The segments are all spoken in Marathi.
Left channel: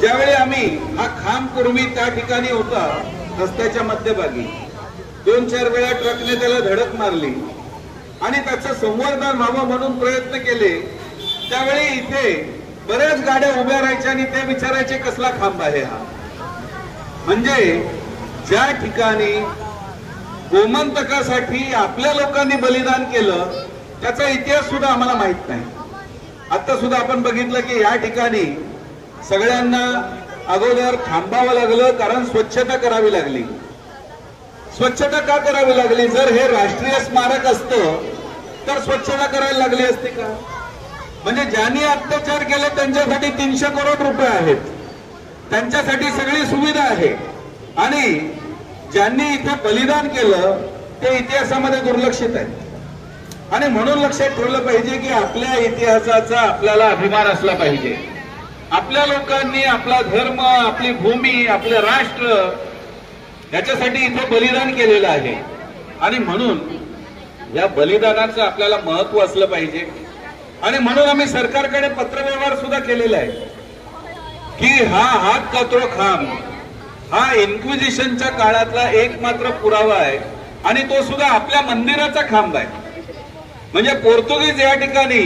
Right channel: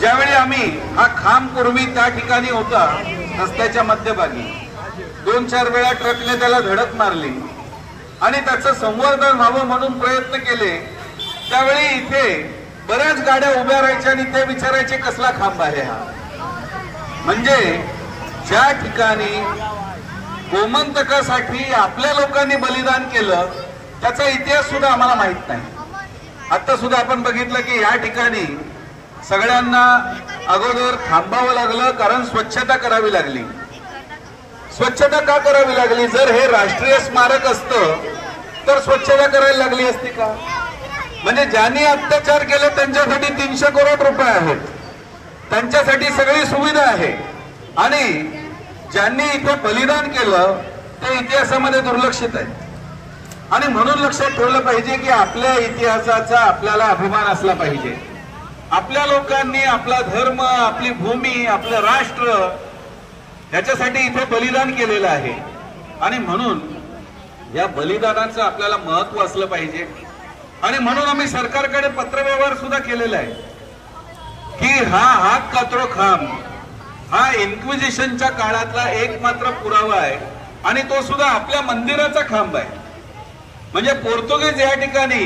ज्यावेळी आम्ही हा खांब पूर्वी त्या ठिकाणी होता रस्त्याच्या मध्यभागी 2-4 वेळा ट्रकने त्याला धडक मारली आणि त्याचं संवर्धन व्हावं म्हणून प्रयत्न केले, त्यावेळी इथे बऱ्याच गाड्या उभ्या राहायच्या आणि ते विचारायचे कसला खांब आहे हा. म्हणजे ज्या ठिकाणी गोमंतकासाठी आपल्या लोकांनी बलिदान केलं त्याचा इतिहास सुद्धा आम्हाला माहित नाही. आता सुद्धा आपण बघितलं की या ठिकाणी सगळ्यांना अगोदर थांबावं लागलं कारण स्वच्छता करावी लागली. स्वच्छता का करावी लागली? जर हे राष्ट्रीय स्मारक असतं तर स्वच्छता करायला लागली असती का? म्हणजे ज्यांनी अत्याचार केले त्यांच्यासाठी 300 करोड रुपये आहेत, त्यांच्यासाठी सगळी सुविधा आहे, आणि ज्यांनी इथे बलिदान केलं ते इतिहासामध्ये दुर्लक्षित आहे. आणि म्हणून लक्षात ठेवलं पाहिजे की आपल्या इतिहासाचा आपल्याला अभिमान असला पाहिजे. आपल्या लोकांनी आपला धर्म, आपली भूमी, आपलं राष्ट्र याच्यासाठी इथे बलिदान केलेलं आहे. आणि म्हणून या बलिदानाचं आपल्याला महत्व असलं पाहिजे. आणि म्हणून आम्ही सरकारकडे पत्रव्यवहार सुद्धा केलेला आहे की हा हात कात्रो खांब हा इन्क्विजिशनच्या काळातला एकमात्र पुरावा आहे आणि तो सुद्धा आपल्या मंदिराचा खांब आहे. म्हणजे पोर्तुगीज या ठिकाणी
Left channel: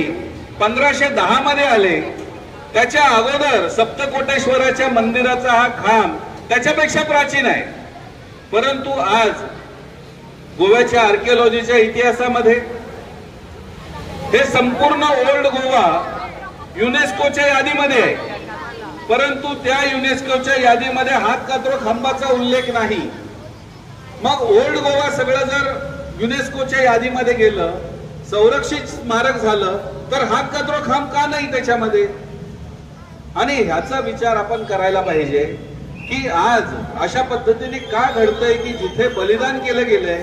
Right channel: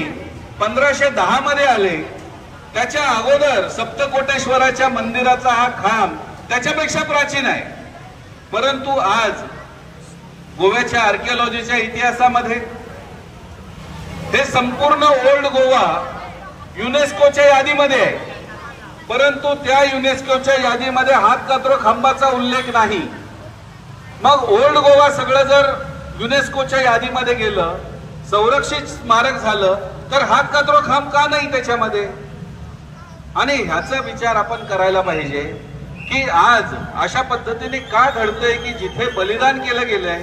1510 मध्ये आले, त्याच्या अगोदर सप्तकोटेश्वराच्या मंदिराचा हा खांब त्याच्यापेक्षा प्राचीन आहे. परंतु आज गोव्याच्या आर्किओलॉजीच्या इतिहासामध्ये हे संपूर्ण ओल्ड गोवा युनेस्कोच्या यादीमध्ये आहे, परंतु त्या युनेस्कोच्या यादीमध्ये हात कात्रो खांबाचा उल्लेख नाही. मग ओल्ड गोवा सगळं जर युनेस्कोच्या यादीमध्ये गेलं, संरक्षित स्मारक झालं, तर हात कात्रो खांब का नाही त्याच्यामध्ये? आणि ह्याचा विचार आपण करायला पाहिजे की आज अशा पद्धतीने का घडतंय की जिथे बलिदान केलं गेलंय,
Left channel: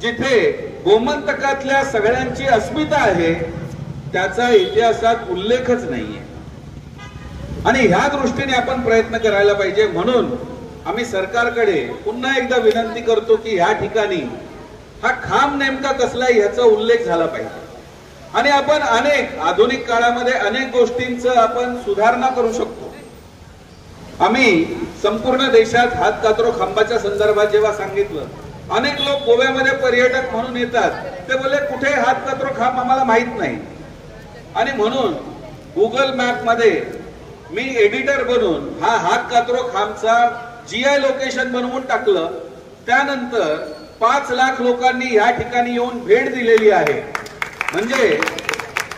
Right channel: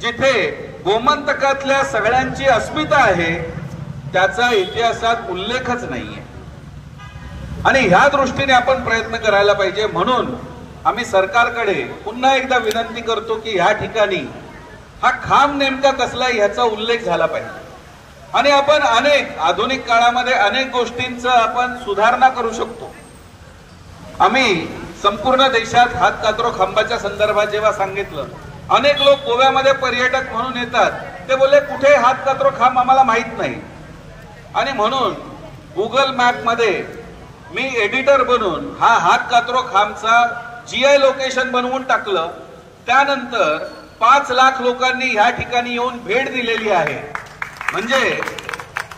जिथे गोमंतकातल्या सगळ्यांची अस्मिता आहे, त्याचा इतिहासात उल्लेखच नाहीये. आणि ह्या दृष्टीने आपण प्रयत्न करायला पाहिजे. म्हणून आम्ही सरकारकडे पुन्हा एकदा विनंती करतो की ह्या ठिकाणी हा खांब नेमका कसला ह्याचा उल्लेख झाला पाहिजे. आणि आपण अनेक आधुनिक काळामध्ये अनेक गोष्टींचं आपण सुधारणा करू शकतो. आम्ही संपूर्ण देशात हात कात्रो खांबाच्या संदर्भात जेव्हा सांगितलं, अनेक लोक गोव्यामध्ये पर्यटक म्हणून येतात, ते बोलले कुठे हात कात्रो खांब आम्हाला माहित नाही. आणि म्हणून गुगल मॅप मध्ये मी एडिटर बनून हा हात कात्रो खांबचा GI लोकेशन बनवून टाकलं. त्यानंतर 5 लाख लोकांनी या ठिकाणी येऊन भेट दिलेली आहे. म्हणजे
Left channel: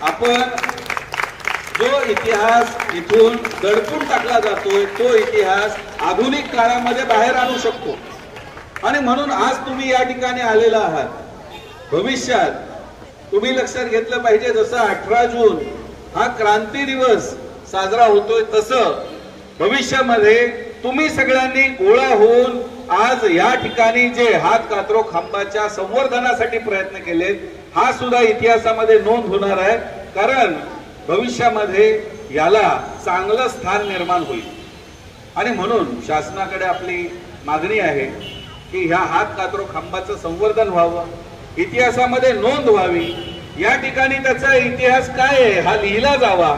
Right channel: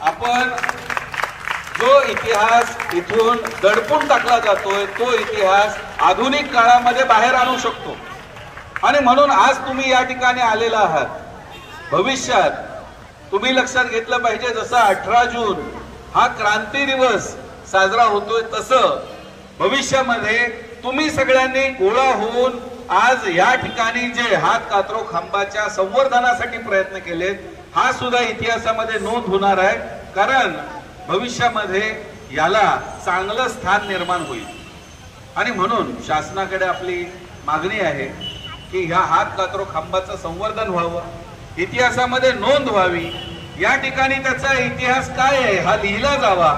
आपण जो इतिहास इथून दडपून टाकला जातोय तो इतिहास आधुनिक काळामध्ये बाहेर आणू शकतो. आणि म्हणून आज तुम्ही या ठिकाणी आलेला आहात. भविष्यात तुम्ही लक्षात घेतलं पाहिजे, जसं 18 जून हा क्रांती दिवस साजरा होतोय, तसं भविष्यामध्ये तुम्ही सगळ्यांनी गोळा होऊन आज या ठिकाणी जे हात कात्रो खांबाच्या संवर्धनासाठी प्रयत्न केलेत, हा सुद्धा इतिहासामध्ये नोंद होणार आहे. कारण भविष्यामध्ये याला चांगलं स्थान निर्माण होईल. आणि म्हणून शासनाकडे आपली मागणी आहे की ह्या हात कात्रो खांबाचं संवर्धन व्हावं, इतिहासामध्ये नोंद व्हावी, या ठिकाणी त्याचा इतिहास काय आहे हा लिहिला जावा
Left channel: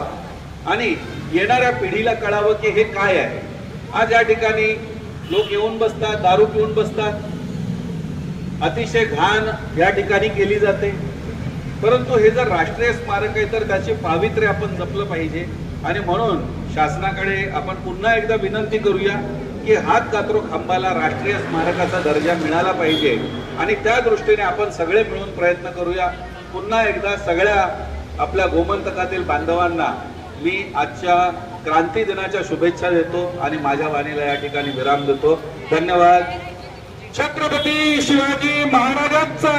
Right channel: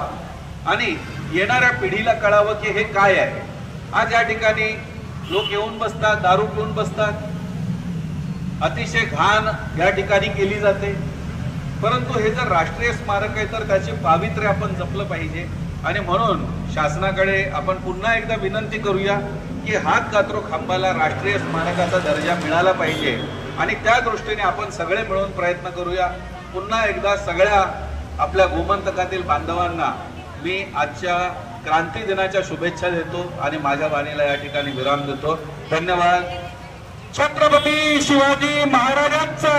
आणि येणाऱ्या पिढीला कळावं की हे काय आहे. आज या ठिकाणी लोक येऊन बसतात, दारू पिऊन बसतात, अतिशय घाण या ठिकाणी केली जाते. परंतु हे जर राष्ट्रीय स्मारक आहे तर त्याचे पावित्र्य आपण जपलं पाहिजे. आणि म्हणून शासनाकडे आपण पुन्हा एकदा विनंती करूया की हात कात्रो खांबाला राष्ट्रीय स्मारकाचा दर्जा मिळाला पाहिजे. आणि त्या दृष्टीने आपण सगळे मिळून प्रयत्न करूया. पुन्हा एकदा सगळ्या आपल्या गोमंतकातील बांधवांना मी आजच्या क्रांती दिनाच्या शुभेच्छा देतो आणि माझ्या वाणीला या ठिकाणी विराम देतो. धन्यवाद. छत्रपती शिवाजी महाराजांचा